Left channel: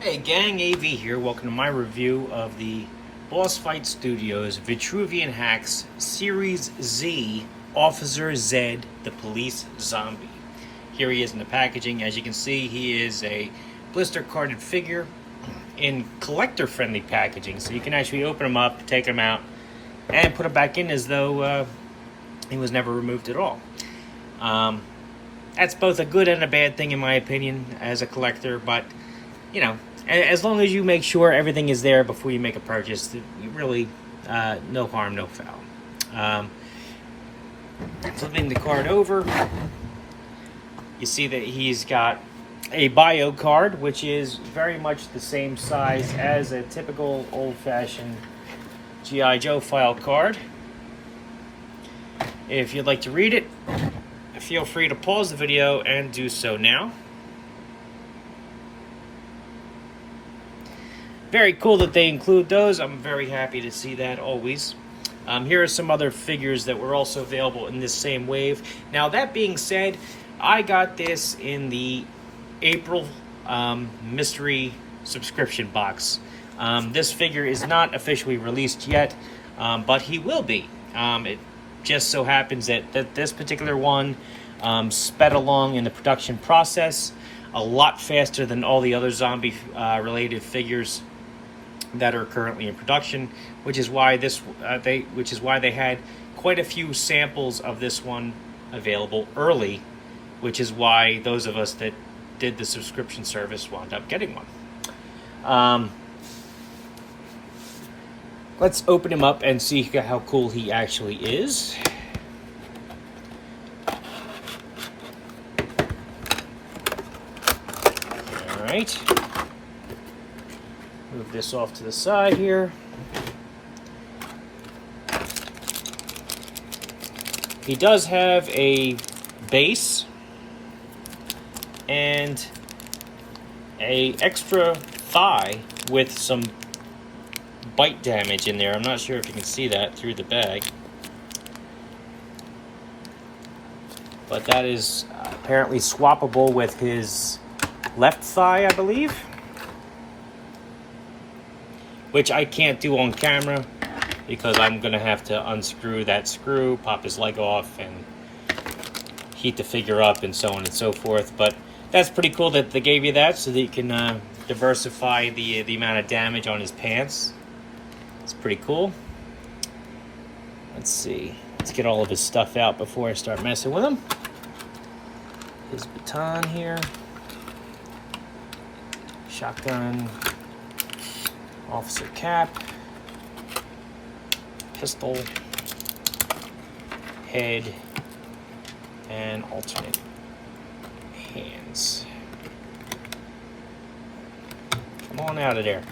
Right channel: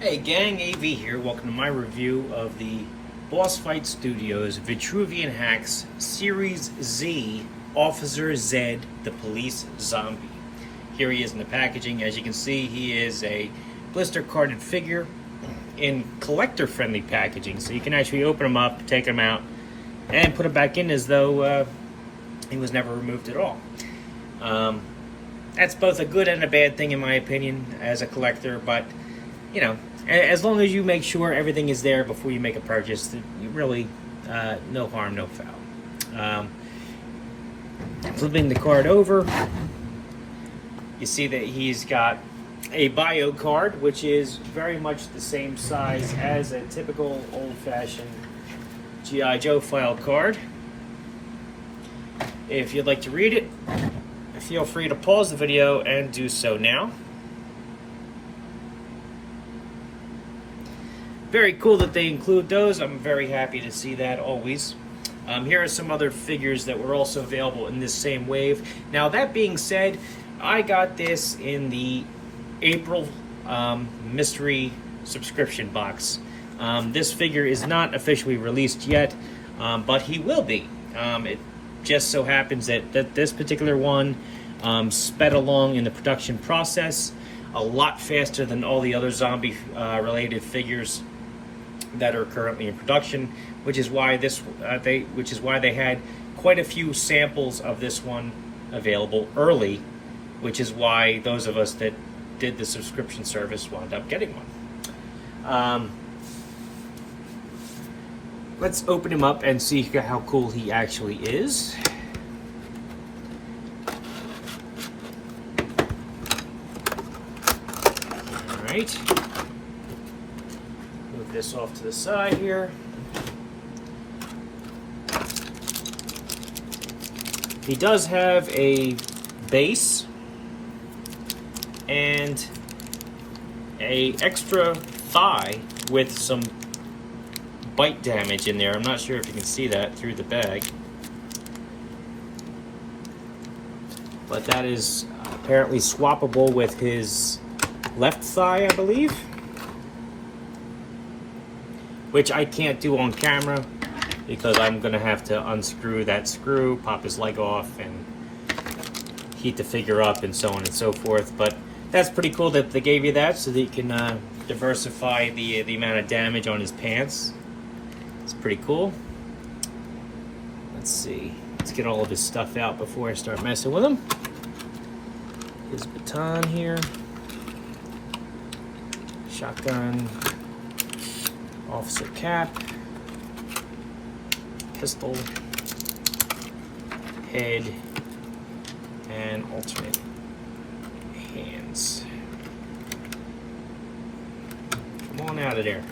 Hey gang, AV here. Welcome to my review of the Boss Fight Studios Vitruvian Hacks Series Z Officer Zed, the Police Zombie. Here he is in the packaging. As you can see, he is a blister carded figure in collector friendly packaging. So you can actually open him up, take him out, and put him back in as though he was never removed at all. That's both a good and a bad thing in my opinion as a collector, but you know, as long as you make sure everything is there before you make a purchase, you really, no harm, no foul. Flipping the card over, you see that he's got a bio card, which is very much the same size as a typical old-fashioned G.I. Joe file card. If you'd like to read it, feel free to pause the video and do so now. Very cool that they include those. I'm very happy to see that always. Here are some other figures that were also available in this same wave. Now that being said, I got this in the April mystery subscription box. This figure is not officially released yet, but he will be. It just so happens that this particular one sped along in the production process a lot faster than all the other zombie related figures that are currently in production, which is why they had quite a few samples of this one available early, which is why those of us that did the subscription service wound up getting one. Let's open him up and see how cool he actually is. All right. Move this off to the side here. He does have a base and a extra thigh with some bite damage in there. I'm not sure if you can see that through the bag, but that is apparently swappable with his left thigh, I believe, which I can't do on camera because I'm gonna have to unscrew that screw, pop his leg off, and heat the figure up and so on and so forth. But that's pretty cool that they gave you that so that you can diversify the amount of damage on his pants. It's pretty cool. Let's see. Let's get all of his stuff out before I start messing with him. His baton here. Shotgun. Officer cap. Pistol. Head. And alternate hands. Come on out of there.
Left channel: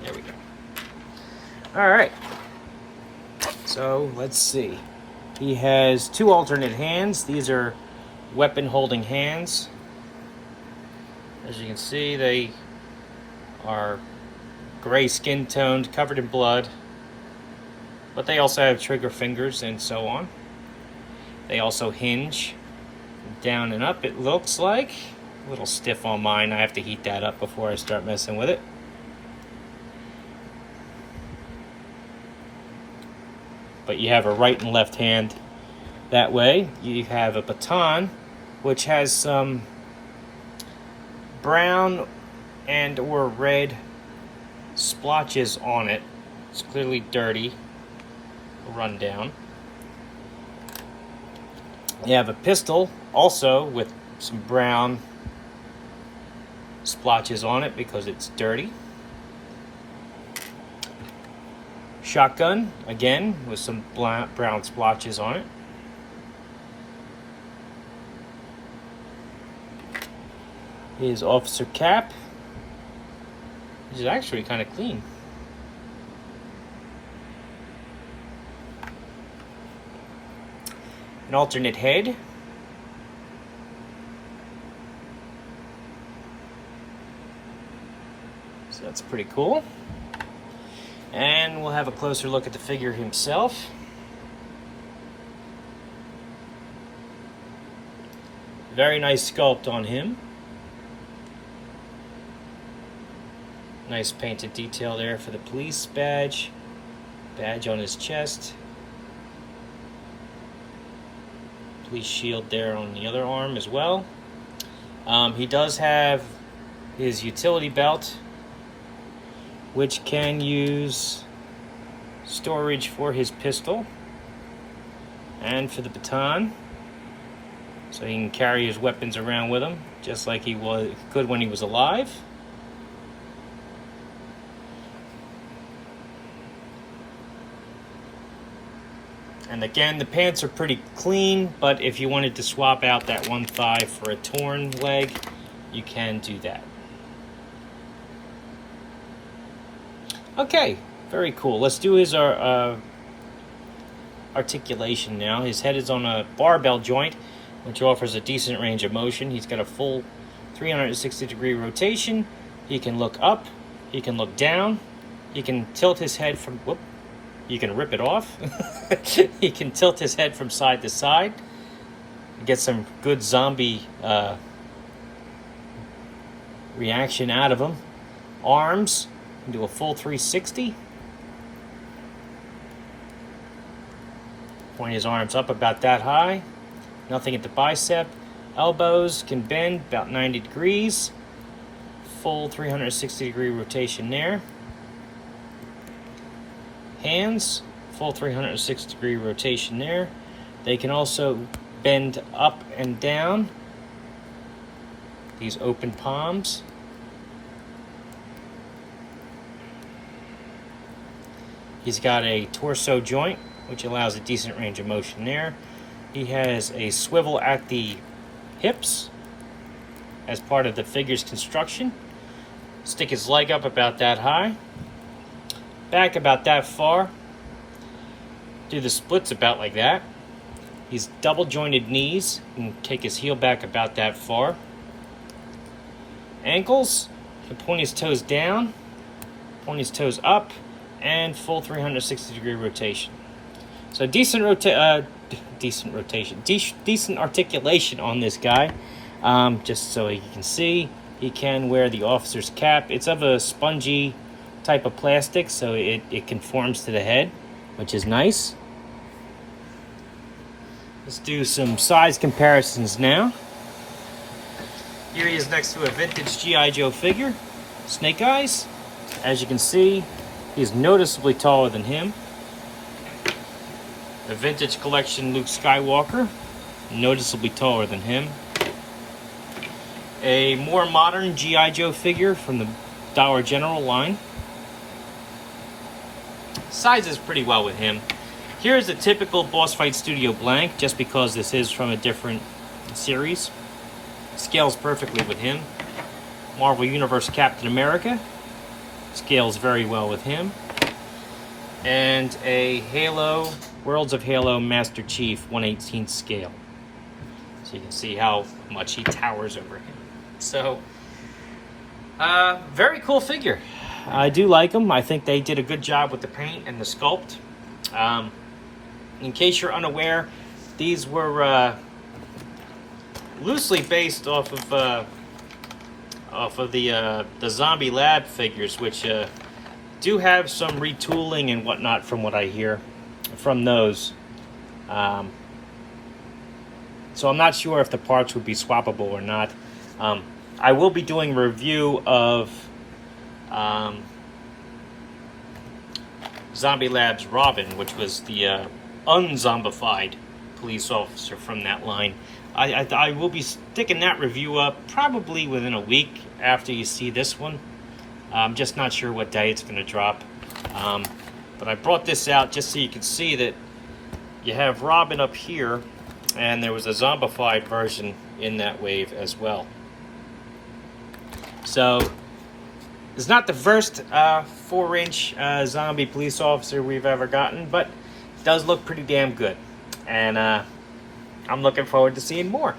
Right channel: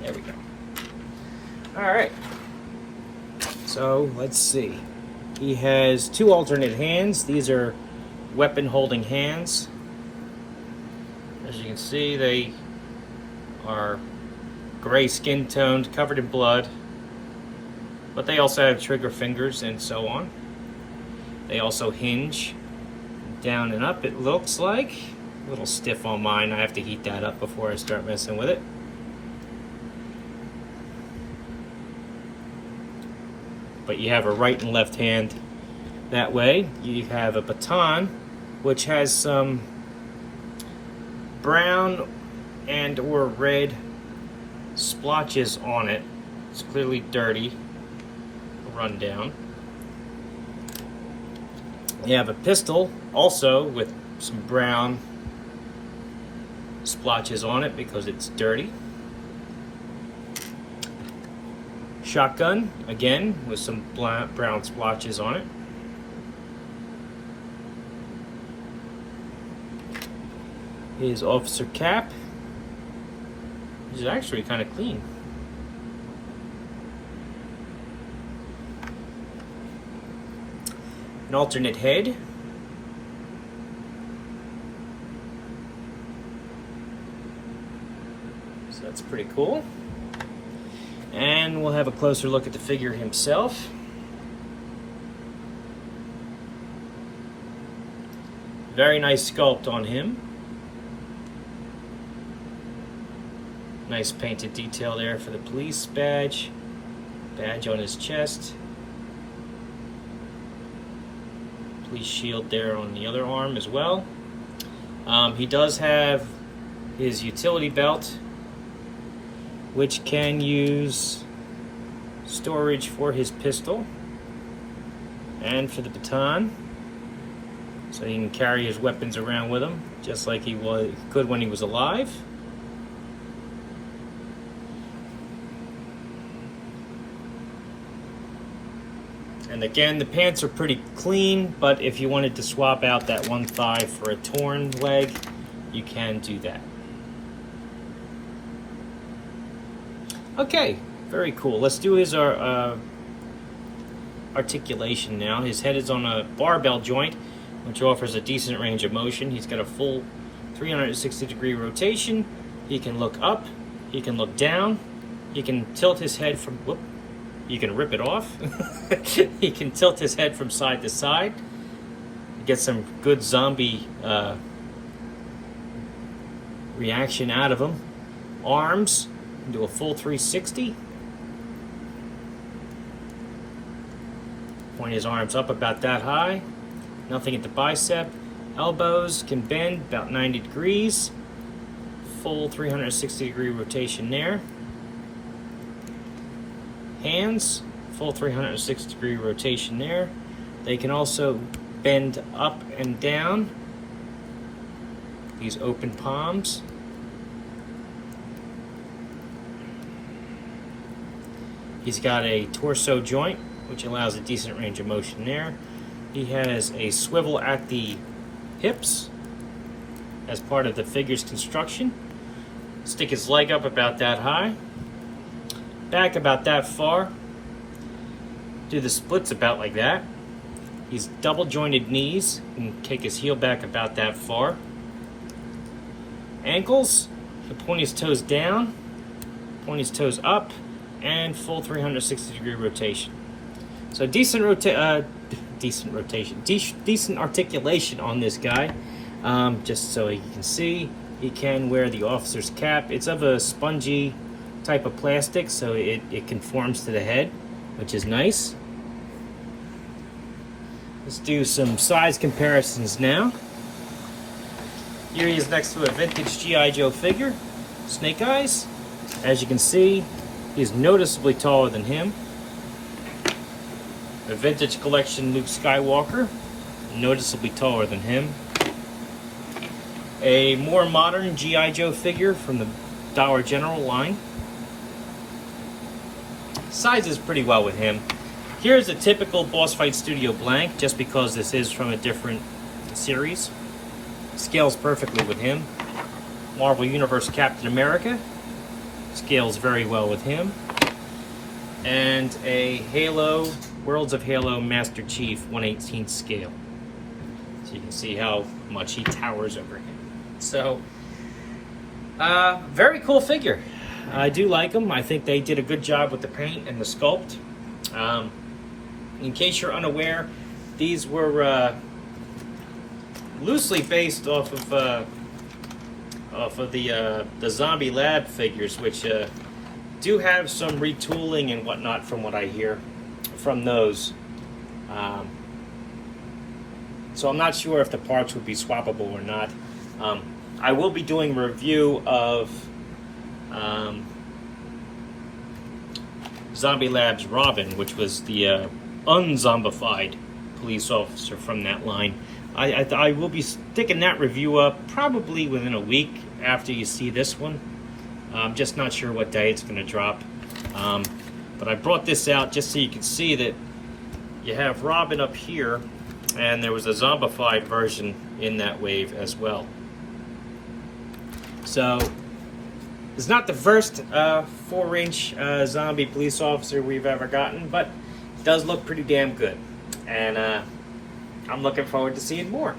There we go. All right. So let's see. He has two alternate hands. These are weapon holding hands. As you can see, they are gray skin toned, covered in blood. But they also have trigger fingers and so on. They also hinge down and up, it looks like. A little stiff on mine. I have to heat that up before I start messing with it. But you have a right and left hand that way. You have a baton, which has some brown and or red splotches on it. It's clearly dirty, run down. You have a pistol also with some brown splotches on it because it's dirty. Shotgun, again, with some brown splotches on it. His officer cap is actually kind of clean. An alternate head. So that's pretty cool. And we'll have a closer look at the figure himself. Very nice sculpt on him. Nice painted detail there for the police badge. Badge on his chest. Police shield there on the other arm as well. He does have his utility belt, which can use storage for his pistol and for the baton, so he can carry his weapons around with him just like he could when he was alive. And again, the pants are pretty clean, but if you wanted to swap out that one thigh for a torn leg, you can do that. Okay, very cool. Let's do his articulation now. His head is on a barbell joint, which offers a decent range of motion. He's got a full 360-degree rotation. He can look up, he can look down, he can tilt his head from, you can rip it off. He can tilt his head from side to side. Get some good zombie reaction out of him. Arms, do a full 360. Point his arms up about that high. Nothing at the bicep. Elbows can bend about 90 degrees. Full 360-degree rotation there. Hands, full 360-degree rotation there. They can also bend up and down. These open palms. He's got a torso joint, which allows a decent range of motion there. He has a swivel at the hips as part of the figure's construction. Stick his leg up about that high. Back about that far. Do the splits about like that. He's double jointed knees and take his heel back about that far. Ankles, so point his toes down, point his toes up, and full 360-degree rotation. So decent articulation on this guy. Just so you can see, he can wear the officer's cap. It's of a spongy type of plastic, so it conforms to the head, which is nice. Let's do some size comparisons now. Here he is next to a vintage G.I. Joe figure, Snake Eyes. As you can see, he's noticeably taller than him. The vintage collection Luke Skywalker, noticeably taller than him. A more modern G.I. Joe figure from the Dollar General line. Sizes pretty well with him. Here's a typical Boss Fight Studio blank, just because this is from a different series. Scales perfectly with him. Marvel Universe Captain America. Scales very well with him. And a Halo, Worlds of Halo Master Chief 1/18 scale. So you can see how much he towers over him. So, very cool figure. I do like them. I think they did a good job with the paint and the sculpt. In case you're unaware, these were loosely based off of the Zombie Lab figures, which do have some retooling and whatnot from what I hear from those. So I'm not sure if the parts would be swappable or not. I will be doing a review of Zombie Lab's Robin, which was the unzombified police officer from that line. I will be sticking that review up probably within a week after you see this one. I'm just not sure what day it's going to drop. But I brought this out just so you can see that you have Robin up here, and there was a zombified version in that wave as well. So it's not the first 4-inch zombie police officer we've ever gotten, but it does look pretty damn good. And I'm looking forward to seeing more.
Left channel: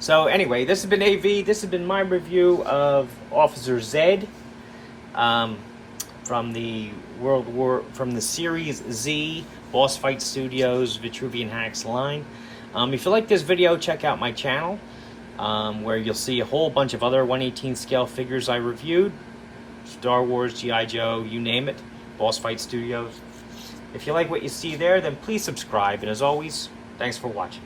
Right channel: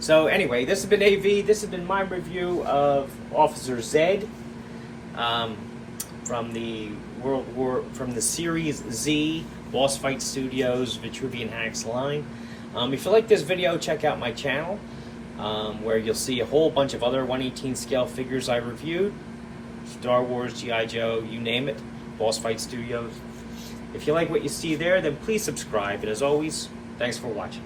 So anyway, this has been AV. This has been my review of Officer Zed from the Series Z Boss Fight Studios Vitruvian Hacks line. If you like this video, check out my channel, where you'll see a whole bunch of other 1/18 scale figures I reviewed. Star Wars, G.I. Joe, you name it. Boss Fight Studios. If you like what you see there, then please subscribe. And as always, thanks for watching.